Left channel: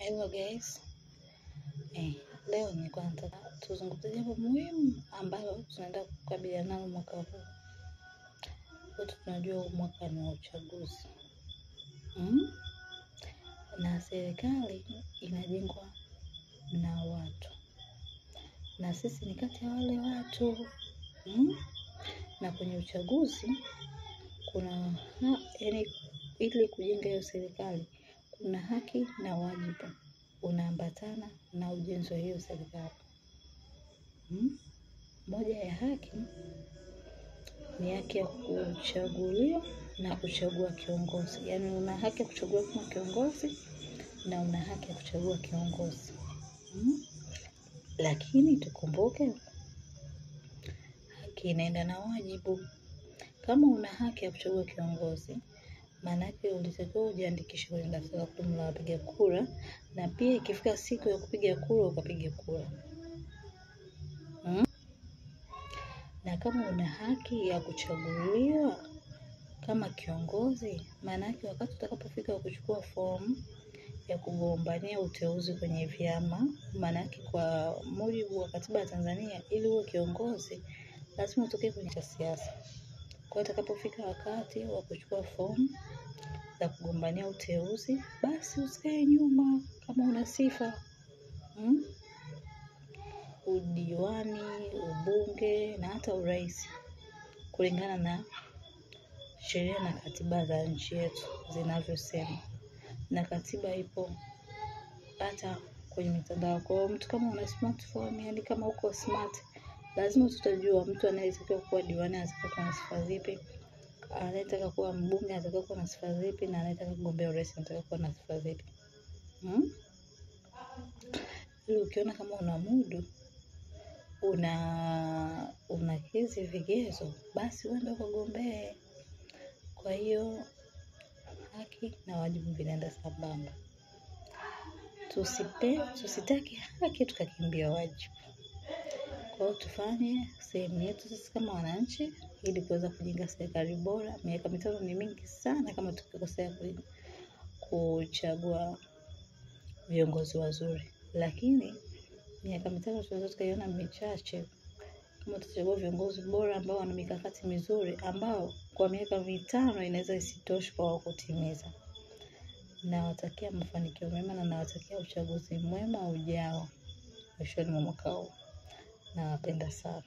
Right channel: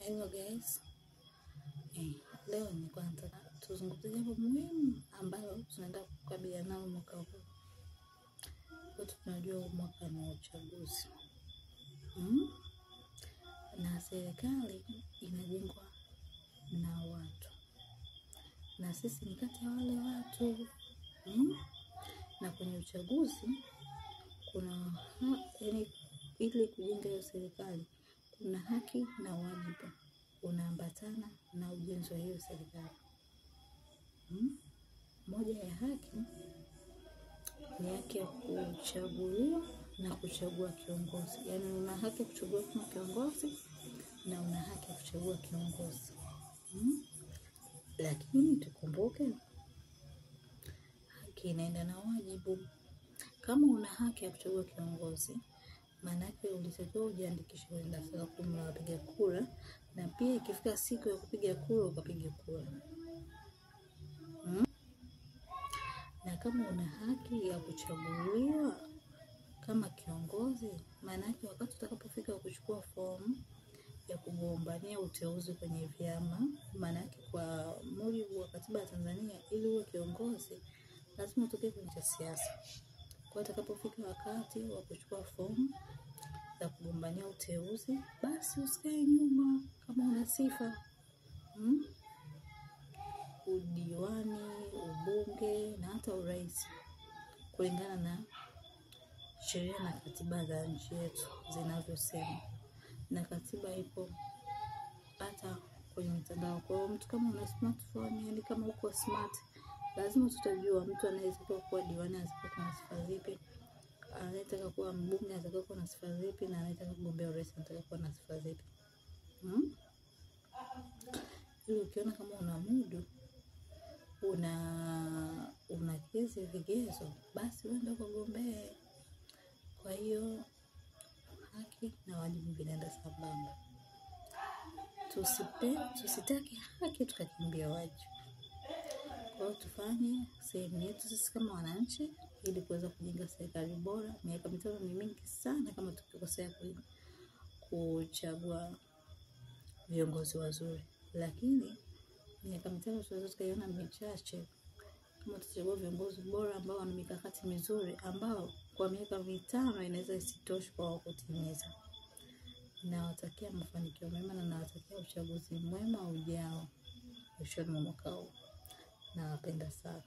Hello guys. Leo nilikuwa nataka tuzungumzie jambo muhimu ambalo tunaenda kukabiliana nalo mwaka huu. Wote tunajua mwaka ni wa uchaguzi. Na serikali inajengwa na watu. Na sisi ni kati ya wale watu. Na kwenye uchaguzi kuna ili kujenga hiyo serikali kuna haki na wajibu unaambatana na ujenzi wa hiyo serikali. Moja ya haki ni haki ya kuchaguliwa na kuchagua kiongozi. Yaani una haki ya kuchagua kama kiongozi na una haki ya kuchagua kiongozi. Lakini tukumbuke haki inaenda na wajibu. Kama una haki ya kuchagua kiongozi, maana yake ulitakiwa ujiandikishe kwenye daftari la kudumu la wapiga kura, na pia ikifika siku ya kupiga kura ukapiga kura. Na kama una haki ya kuchaguliwa kama kiongozi, maana yake wakati utakapofika kuchukua fomu ya kugombania uteuzi kwenye vyama, maana yake kwa mujibu wa katiba ya Tanzania, ili uwe kiongozi lazima utoke kwenye siasa. Kwa hiyo utakapofika wakati wa kuchukua fomu za kugombania uteuzi, basi usikae nyuma kama una sifa. Udiwani, ubunge na hata urais kulingana na sheria na katiba za nchi yetu zinavyosema. Na katiba ipo hata kwenye mitandao. Kwa hiyo mtu kama una smartphone, yani kama uko smart, lazima tutajua mtu anayetakiwa kuwa diwani anatakiwa kuwa na sifa zipi, anayetaka kuwa mbunge anatakiwa kuwa na sifa zipi, na anayetaka kugombea urais anatakiwa kuwa na sifa zipi. Ili ukiona kama una mudu, una hizi vigezo, basi uende ukagombee. Kwa hiyo haki na wajibu vinaenda sambamba. Tusitaki haki tukakimbia wajibu. Kwa hiyo tufanye sehemu yetu sisi kama wananchi ili kuweza kujenga serikali bora. Miaka 5 ni mingi sana kama tukikosea kuchagua viongozi wazuri. Lakini miaka 5 tunaweza tukaiona michache kama tutachagua viongozi bora ambao wana mikakati mizuri ambao kwa miaka 5 inaweza isitoshe kwa kutimiza. Nawatakia mafanikio mema na nawatakia uchaguzi mwema ujao mwishoni mwa mwaka huu. Nawapenda sana.